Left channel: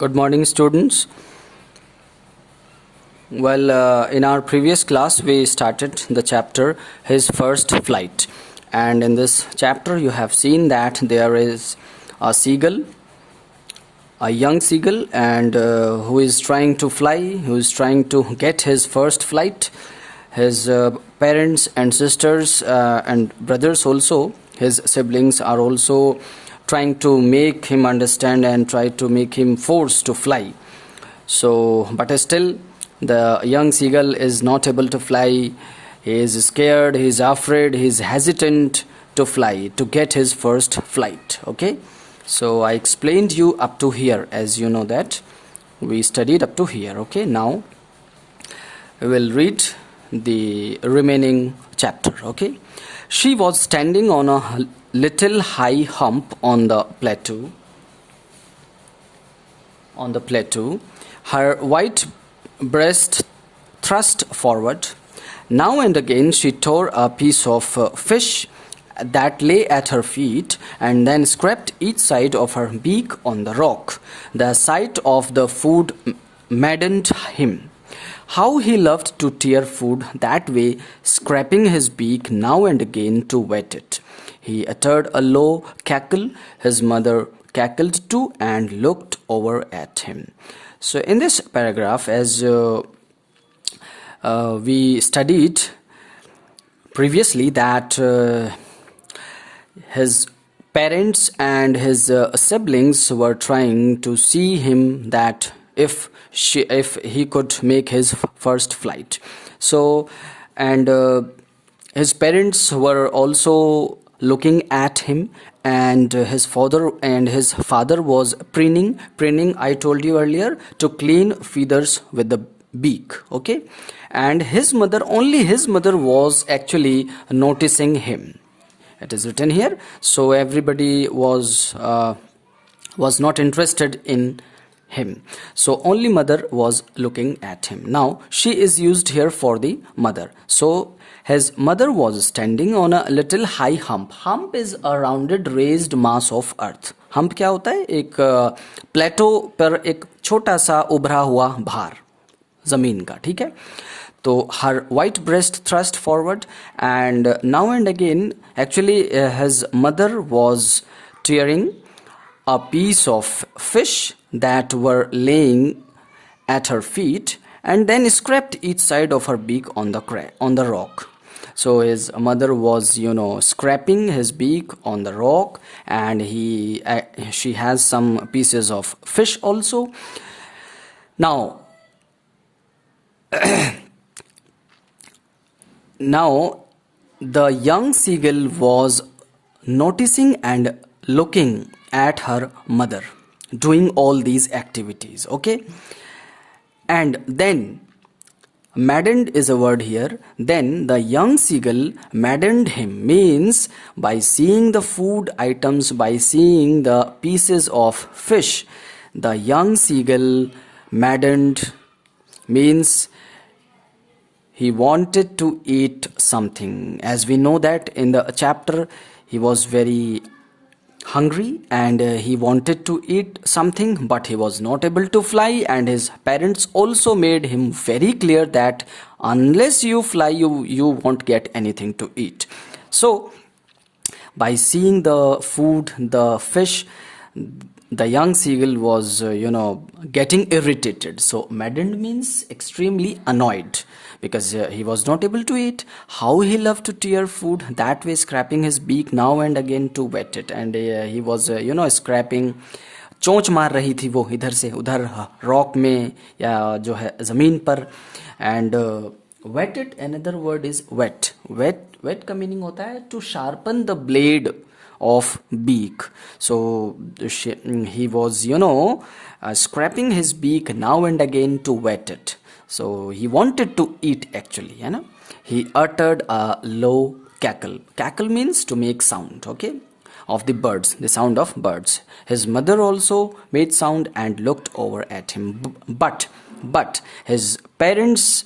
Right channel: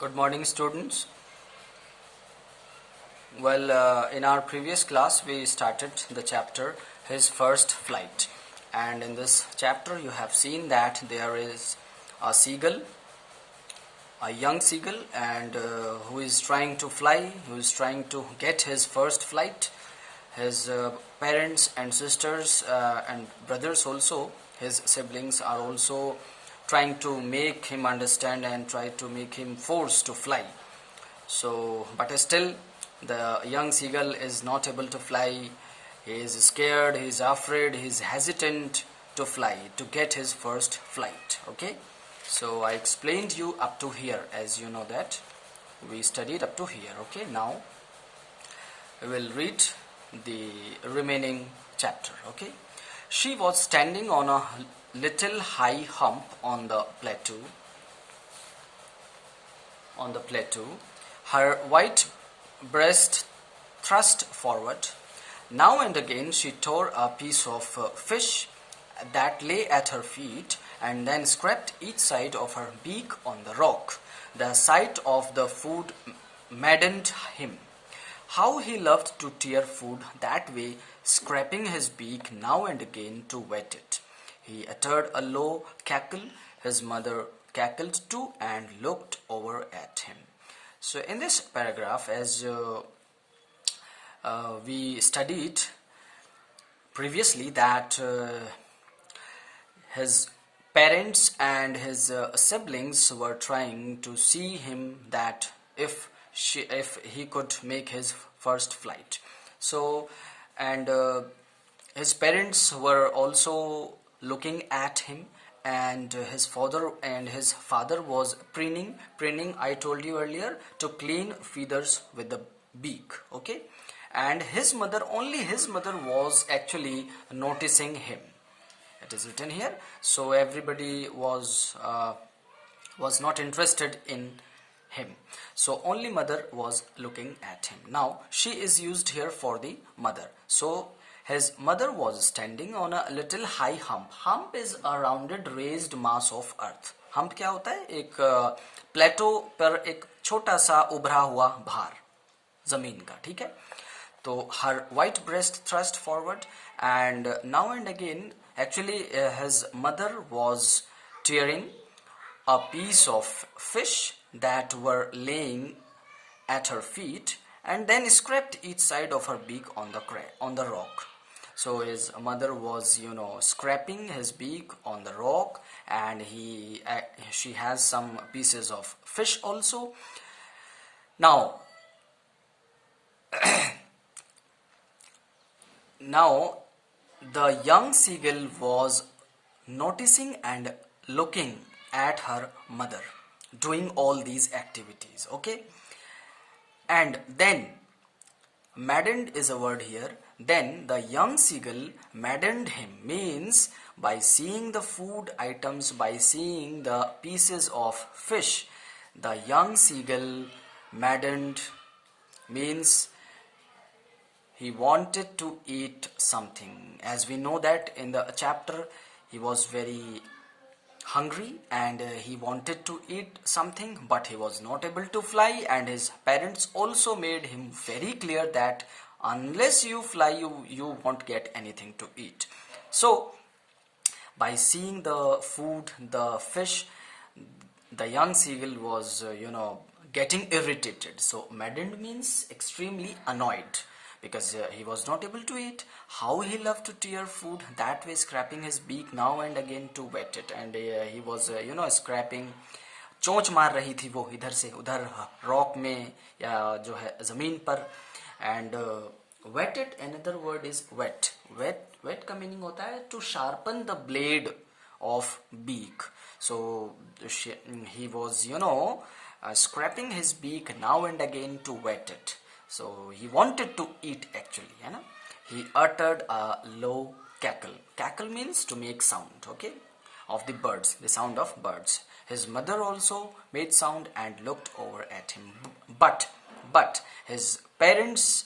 Good morning, students. In our previous class, we started the chapter His First Flight. And in this chapter, you have seen that there is a seagull, a young seagull, and who is trying to fly, who is trying to get his first flight. His parents and sisters and brothers also, his siblings are also trying to make him understand and try to make him forced to fly. So, but still, the young seagull is not able to fly. He is scared, he is afraid, he is hesitant to fly, to get his first flight. Okay, so I explained you up to here, as you know that we studied up to here. Okay, now we will read the remaining chapter. Okay, she was standing on a little high hump on the plateau. Her white breast thrust forward. Now and again she tore a piece of fish that lay at her feet and then scraped each side of her beak on the rock. The sight of the food maddened him. How he loved to tear food that way, scraping his beak now and again to wet it. He uttered a low cackle. His mother cackled too and looked over at him. So in this paragraph, as we studied previously, that his parents and his siblings were trying to see him that if he could make his first flight. So, and his parents were also looking at him, and his father was preening. I told you earlier, to clean feathers with the beak. Okay, and his mother was actually noticing him. It is written here. So everybody was not interested in him. So only mother was looking at him. Now she is used here for the mother. So his mother was standing on a little high hump. Hump is a rounded raised mass of earth. Hump क्या होता है? एक प्लेटो पर एक छोटा सा उभरा हुआ भार जमीन का, ठीक है? तो her white breast thrust forward, and now and again actually his mother was tearing a piece of fish that were laying at her feet and then scraped each side of her beak on the rock. So his mother was, scraping his beak on the rock, and she has some pieces of fish also. Now, the young seagull was noticing and looking at her mother doing all these activities. Okay, and then maddened is a word here. Then the young seagull maddened him, means by seeing the food items, by seeing the pieces of fish, the young seagull maddened means he wanted to eat something. As we know that in the chapter, he was very hungry and he wanted to eat something, but he was not able to fly, and his parents also made him very clear that unless you fly, you won't get anything to eat. So by seeing the food, the fish, the young seagull was getting irritated. So maddened means extremely annoyed, because he was not able to eat. How he loved to tear food that way, scraping his beak now and again to wet it. And he was scraping. चोंच मार रही थी वो इधर से उधर rock में या जो है जमीन पर. And wet it, another word is wet. Wet का मीनिंग होता है to sharpen the blade of beak. So he was scraping his beak now and again to wet it. So he wanted to eat actually, He uttered a low cackle. Cackle means to make sound, okay, of the birds, the sound of birds. His mother also made sound and looked over at him. But his parents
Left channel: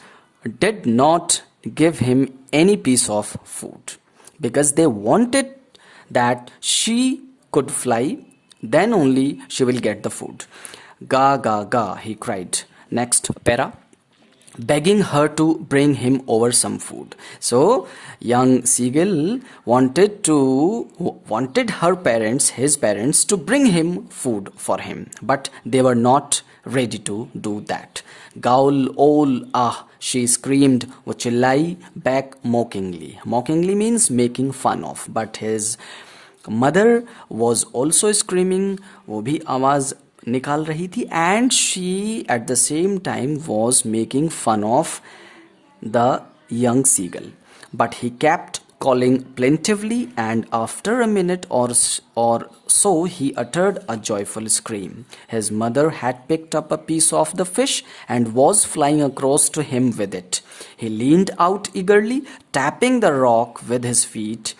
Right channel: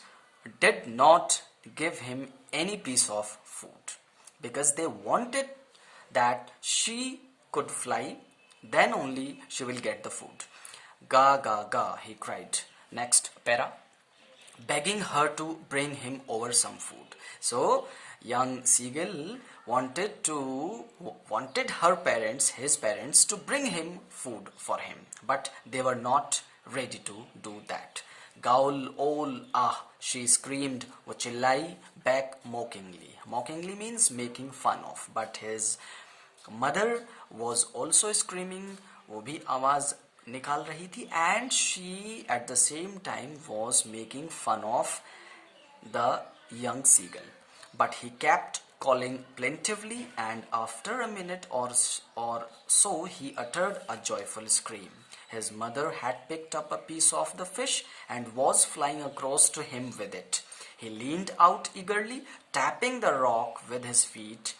did not give him any piece of food, because they wanted that she could fly, then only she will get the food. Ga, ga, ga, he cried. Next para. Begging her to bring him over some food. So young seagull wanted his parents, to bring him food for him, but they were not ready to do that. Gaul ol ah, she screamed, वो चिल्लाई back mockingly. Mockingly means making fun of, but his mother was also screaming, वो भी आवाज निकाल रही थी, and she at the same time was making fun of the young seagull. But he kept calling plaintively, and after a minute or so, he uttered a joyful scream. His mother had picked up a piece of the fish and was flying across to him with it. He leaned out eagerly, tapping the rock with his feet,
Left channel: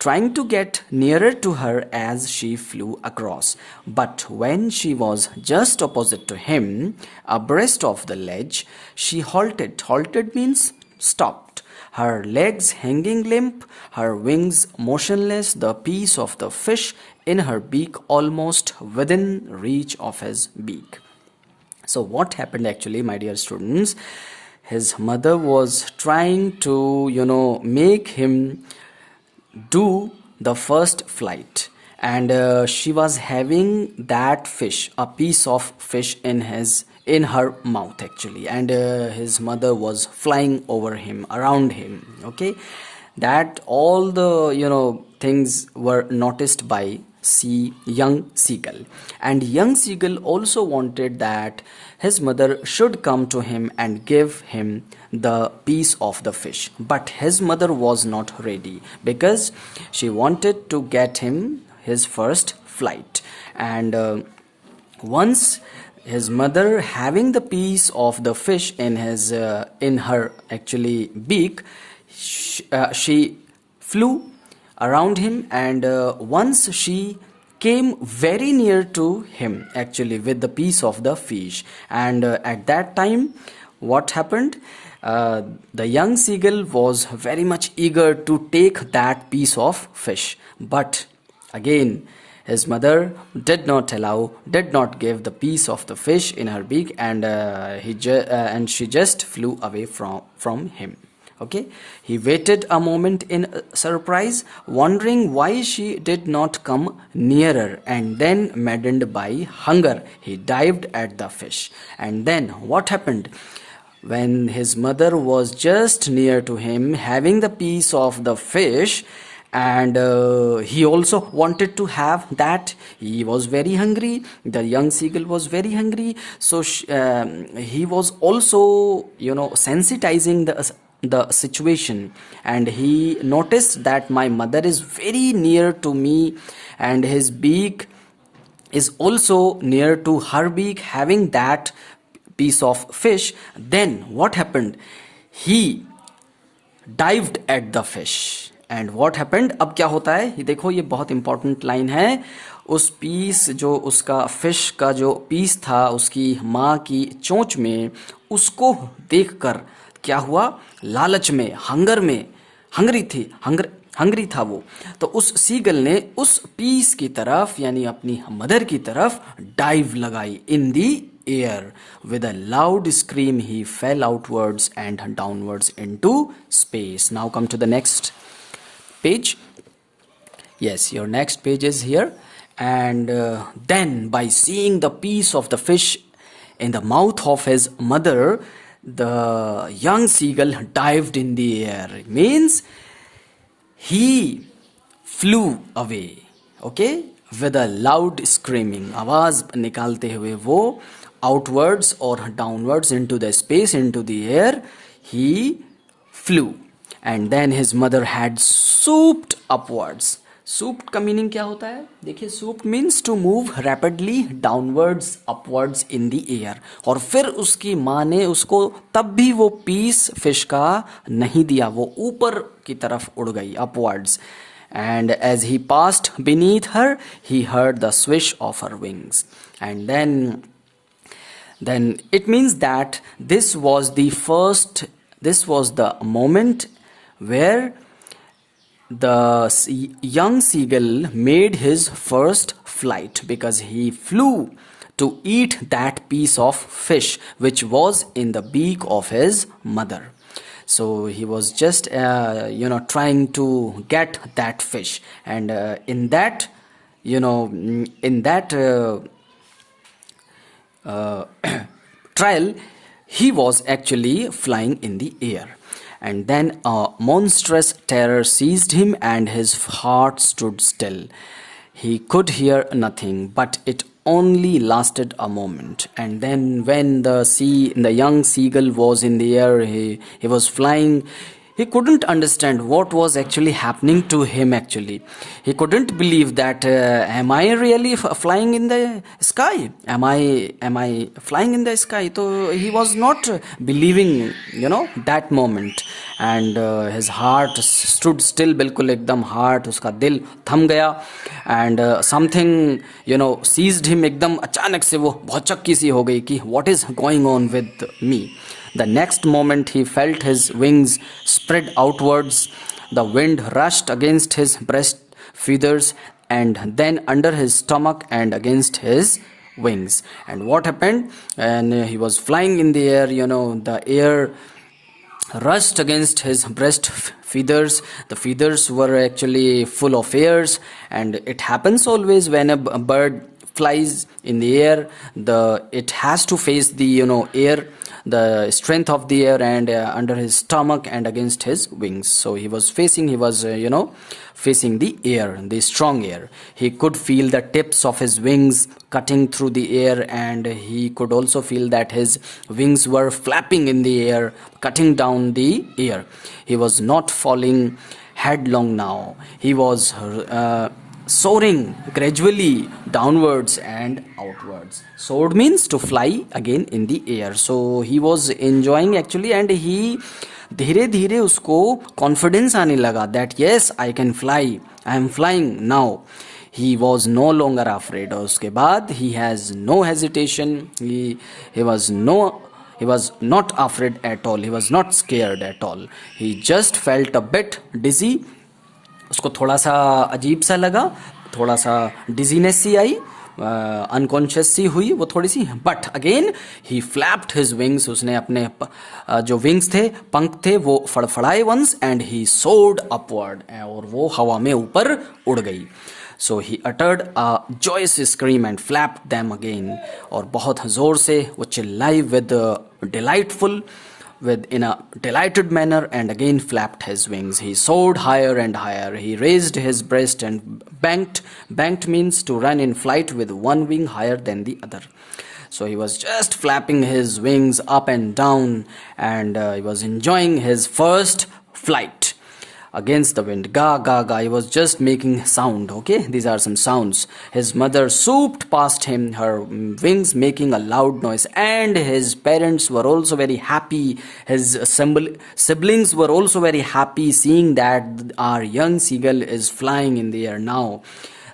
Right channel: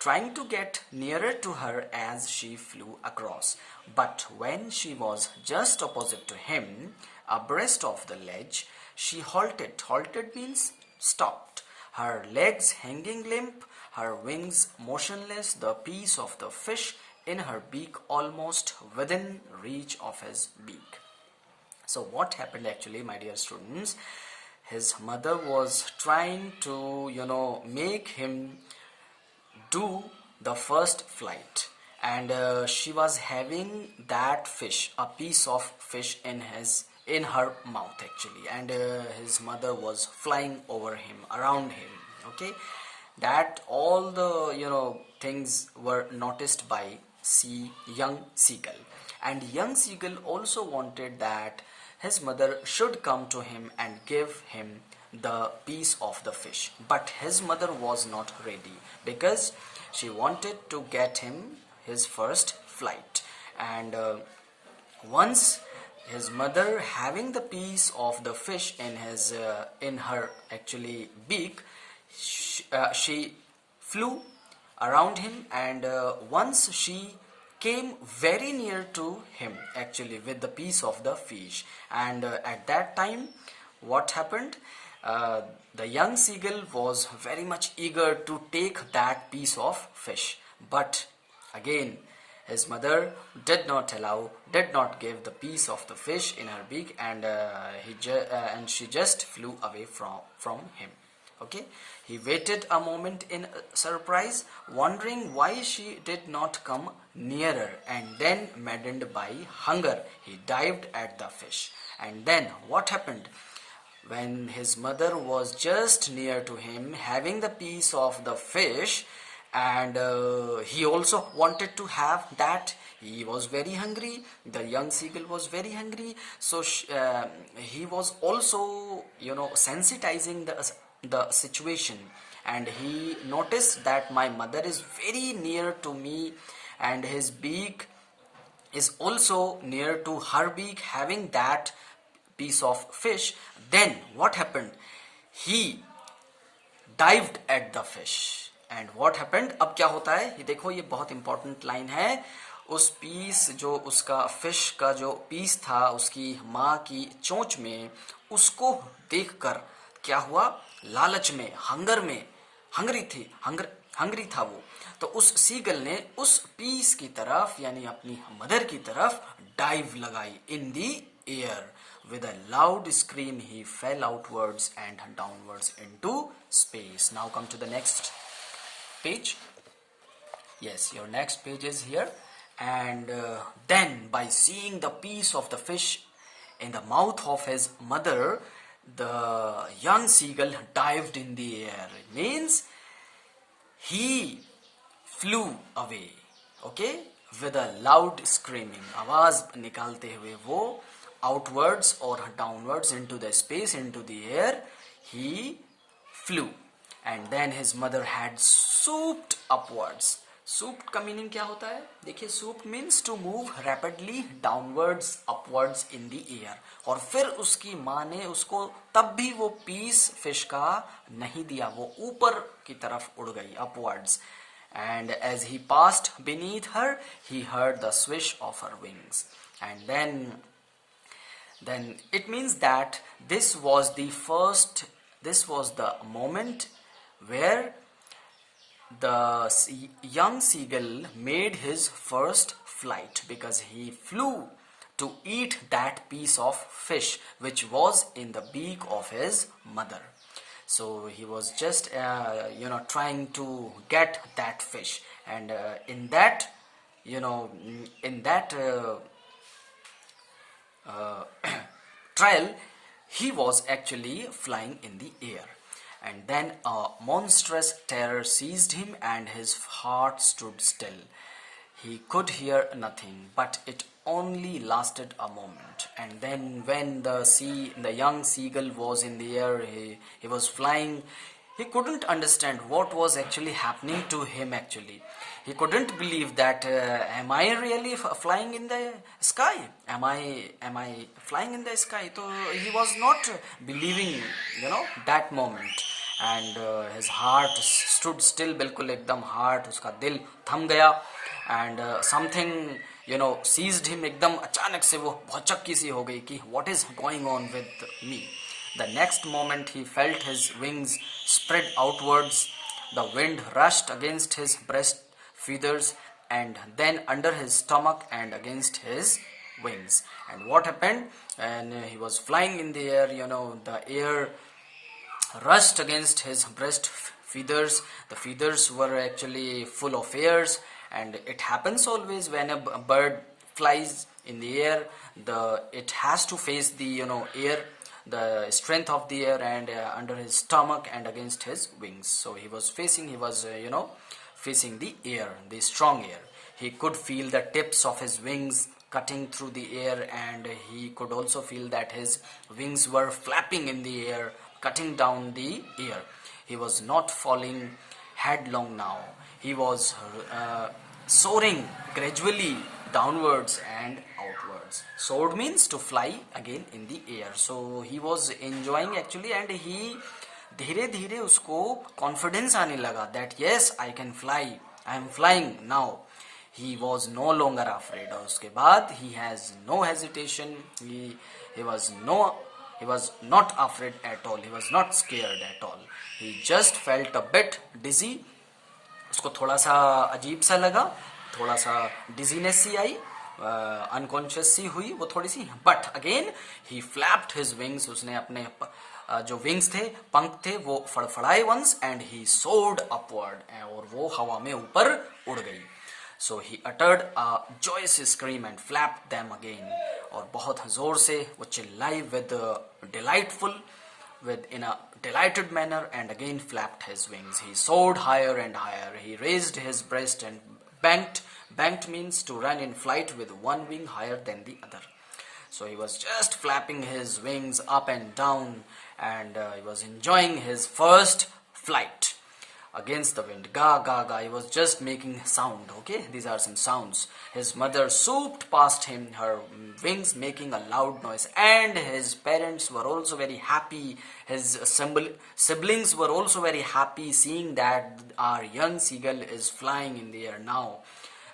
trying to get nearer to her as she flew across. But when she was just opposite to him, abreast of the ledge, she halted. Halted means stopped. Her legs hanging limp, her wings motionless, the piece of the fish in her beak almost within reach of his beak. So, what happened actually, my dear students? His mother was trying to, make him do the first flight, and she was having that fish, a piece of fish in her mouth actually, and his mother was flying over him, around him. Okay, that all the things were noticed by young seagull, and young seagull also wanted that his mother should come to him and give him the piece of the fish, but his mother was not ready because she wanted to get him his first flight. And once his mother having the piece of the fish in her actually beak, she flew around him, and once she came very near to him actually with the piece of the fish, and at that time what happened, the young seagull was very much eager to take that piece of fish, but again his mother did not give the piece of the fish in her beak, and she just flew away from him. Okay, he waited a moment in surprise, wondering why she did not come nearer, and then, maddened by hunger, he dived at the fish. And then what happened? When his mother was just near to him, having the piece of the fish, and he also wanted to have that. He was very hungry. The young seagull was very hungry, so he was also sensitizing the situation, and he noticed that my mother is very near to me, and his beak is also near to her beak, having that piece of fish. Then what happened? He dived at the fish. And what happened, अब क्या होता है ये देखो, ये बहुत important line है. उस पीस जो उसका फिश का जो पीस था उसकी माँ की चोंच में, उसको देखकर क्या हुआ, लालच में, हंगरी था वो, तो उस सीगल ने उस पीस की तरफ यानी अपनी मदर की तरफ डाइव लगाई in the air. With a loud scream he fell outwards and downwards into space. Now come to the next page. Yes, your next page is here. And then by seeing the piece of the fish in the mouth of his mother, the young seagull dived in the air. It means he flew away. Okay, with a loud screaming, आवाज निकालते हुए वो outwards or downwards into the space, into the air, he flew. And then his mother had swooped upwards. Swooped का meaning क्या होता है? देखिए, swoop means to move rapidly downwards, upwards in the air. और फिर उसकी माँ ने उसको तब भी वो पीस फिश का नहीं दिया, वो ऊपर की तरफ उड़ गई, upwards. And as he passed beneath her, he heard the swish of her wings. And then it means that this was the moment where the young seagull made his first flight, because he flew to eat that piece of fish which was in the beak of his mother. So he was just trying to get that fish, and in that trial, he was actually flying in the air. And then a monstrous terror seized him, and his heart stood still. He could hear nothing, but it only lasted a moment. And then, when the young seagull was in the air, he was flying. He couldn't understand what was actually happening to him. Actually, he couldn't believe that am I really flying in the sky? Am I flying in the sky? So he was not believing, that moment. And his heart stood still, बिल्कुल एकदम heart, उसका दिल थम गया. And something seized him, एकदम अचानक से वो भौचक्की सी हो गई कि what is going on with me. The next moment he felt his wings spread outwards. The wind rushed against his breast feathers, and then under his stomach and against his wings. And what happened? And he was flying in the air, the air rushed against his breast feathers. The feathers were actually full of hairs, and it happens always when a bird flies in the air. It has to face the air, the strength of the air, and under his stomach and against his wings. So he was facing the air, the strong air. He could feel the tips of his wings cutting through the air, and he could also feel that his wings were flapping in the air, cutting down the air. He was not falling headlong now. He was soaring gradually downwards and outwards. Soared means to fly again in the air. So he was enjoying actually, and he धीरे धीरे उसको confidence आने लगा that yes, I can fly, I am flying now. He was no longer afraid. और उसके बाद he has no hesitation. He was not afraid at all. He was not scared at all. He just felt a bit dizzy. उसको थोड़ा सा अजीब सा लगा, थोड़ा सा डिजीनेस सी आई, अनकॉन्शियस सी हुई वो थोड़ी सी. But again he flapped his wings. उसने अपने जो विंग्स थे, पंख थे, वो फड़फड़ाए once, and he soared upward, और वो हवा में ऊपर उड़ गई. So he uttered a joyous scream and flapped them again. और बहुत जोर से वो चिल्लाई in a delighted manner, and again flapped his wings. He soared higher and higher. He raised his breast and banked. Banked means to run in flight with one wing higher than the other. So he was just flapping his wings up and down, and he was enjoying his first flight against the wind. Ga ga ga, he was just making sound. Okay, these are some sounds. His mother swooped past him, her wings making a loud noise, and his parents were also very happy. His siblings were also very happy seeing that our young seagull is flying in the air now.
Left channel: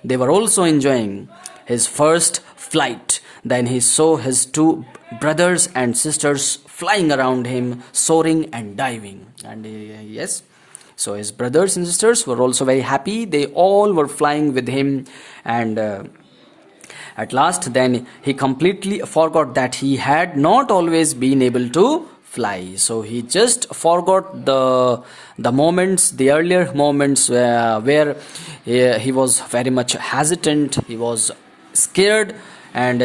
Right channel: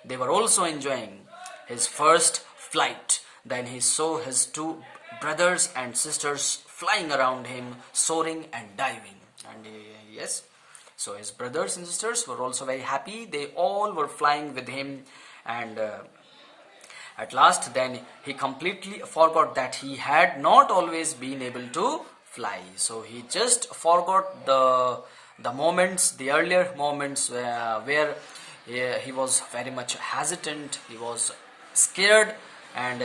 They were also enjoying his first flight. Then he saw his two brothers and sisters flying around him, soaring and diving. And yes, so his brothers and sisters were also very happy. They all were flying with him. And at last, then he completely forgot that he had not always been able to fly. So he just forgot the moments, the earlier moments where he was very much hesitant. He was scared, and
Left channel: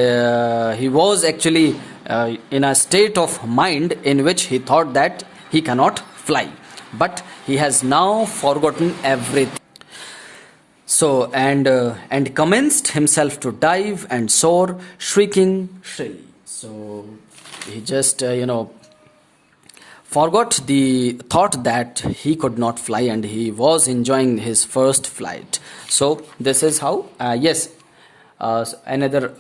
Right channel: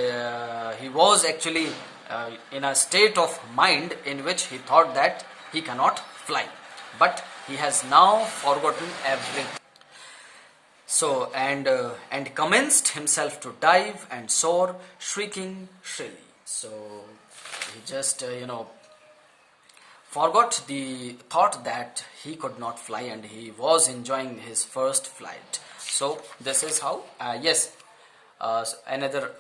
he was actually in a state of mind in which he thought that he cannot fly. But he has now forgotten everything. So and commenced himself to dive and soar, shrieking shrilly. So he just forgot the thought that he could not fly, and he was enjoying his first flight. So this is how another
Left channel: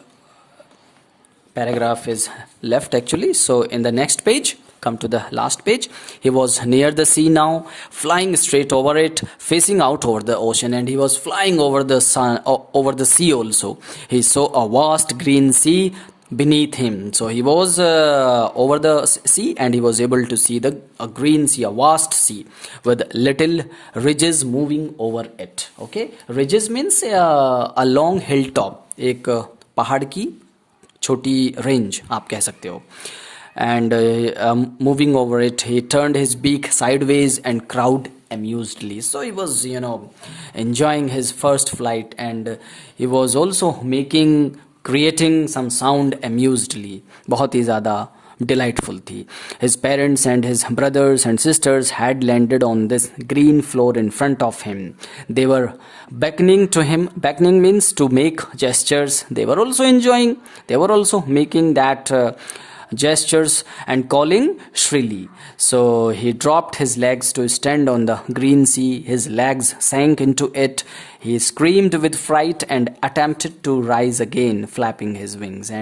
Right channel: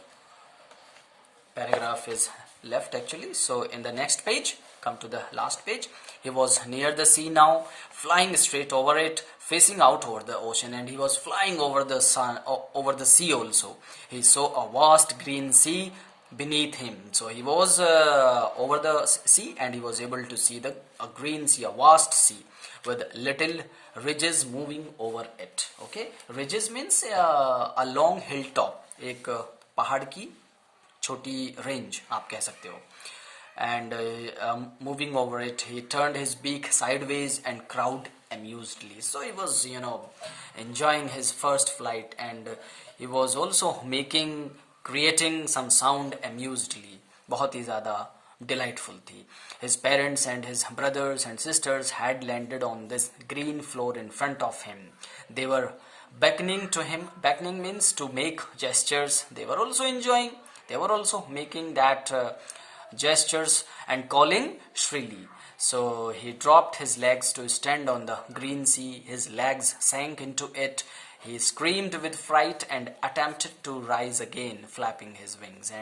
paragraph is left actually. So in the next page, come to the last page. He was near the sea now, flying straight over it, facing out over the ocean, and he was flying over the sea also. He saw a vast green sea beneath him. So he was over the sea, and he was able to see a green sea, a vast sea with little ridges moving over it. Okay, ridges means a long hilltop, एक पहाड़ की छोटी range आप कह सकते हो. And moving over it, he turned his beak sideways and crowed amusedly. So he was, enjoying his first flight, and he was also creating some sound amusedly. बहुत ही ज़्यादा delightful थी. His parents and his brothers and sisters had landed on this green floor in front of him. They were beckoning to him. Beckoning means to make gestures. They were also enjoying. They were also making that gestures and calling shrilly. So he dropped his legs to stand on the green sea. His legs sank into it. He screamed with fright and attempted to rise again, flapping his wings.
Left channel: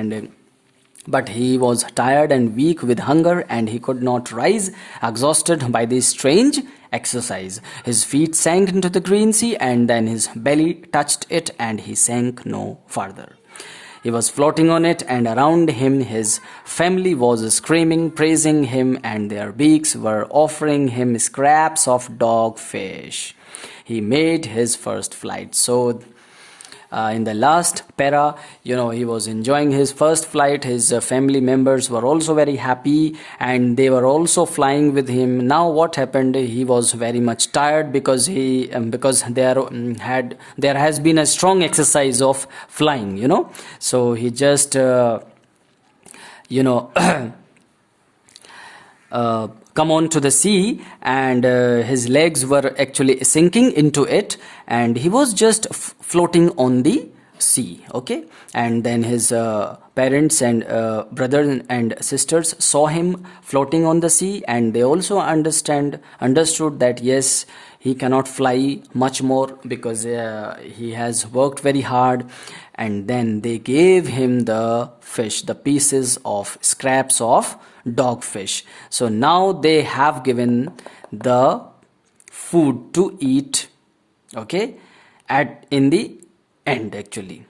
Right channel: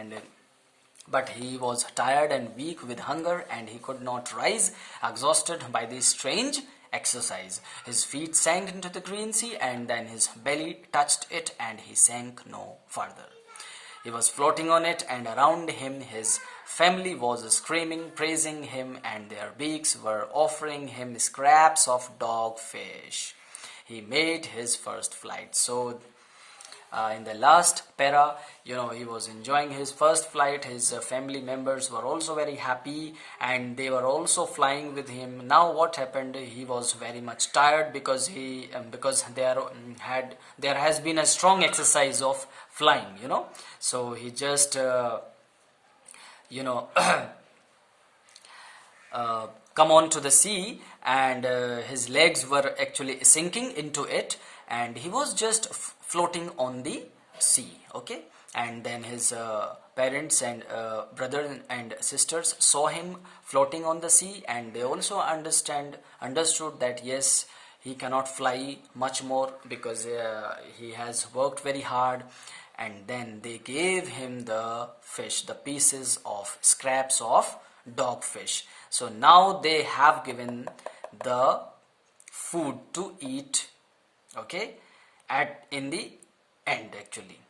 But he was tired and weak with hunger, and he could not rise, exhausted by this strange exercise. His feet sank into the green sea, and then his belly touched it, and he sank no farther. He was floating on it, and around him his family was screaming, praising him, and their beaks were offering him scraps of dogfish. He made his first flight. So in the last para, he was enjoying his first flight. His family members were also very happy, and they were also flying with him. Now what happened, he was very much tired because there has been a strong exercise of flying. So he just come on to the sea, and his legs were actually sinking into it, and he was just floating on the sea. Okay, and then his parents and brothers and sisters saw him floating on the sea, and they also understood that yes, he cannot fly much more because he has worked very hard. And then they gave him the fish, the pieces of scraps of dogfish. So now they have given the food to eat, okay, in the end actually.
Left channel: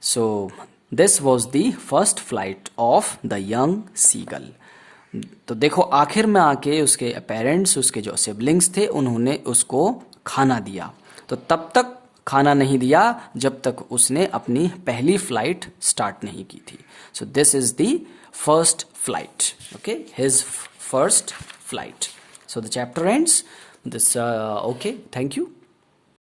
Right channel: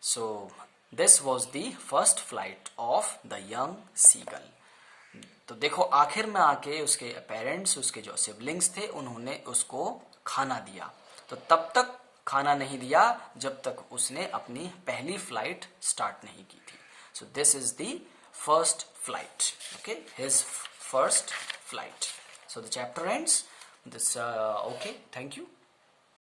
So this was the first flight of the young seagull. तो देखो आखिर में आके उसके parents, उसके जो siblings थे, उन्होंने उसको खाना दिया. तो तब तक खाना नहीं दिया जब तक उसने अपनी पहली फ्लाइट स्टार्ट नहीं की थी. So this is the first flight, okay, his first flight. So the chapter ends this. Okay, thank you.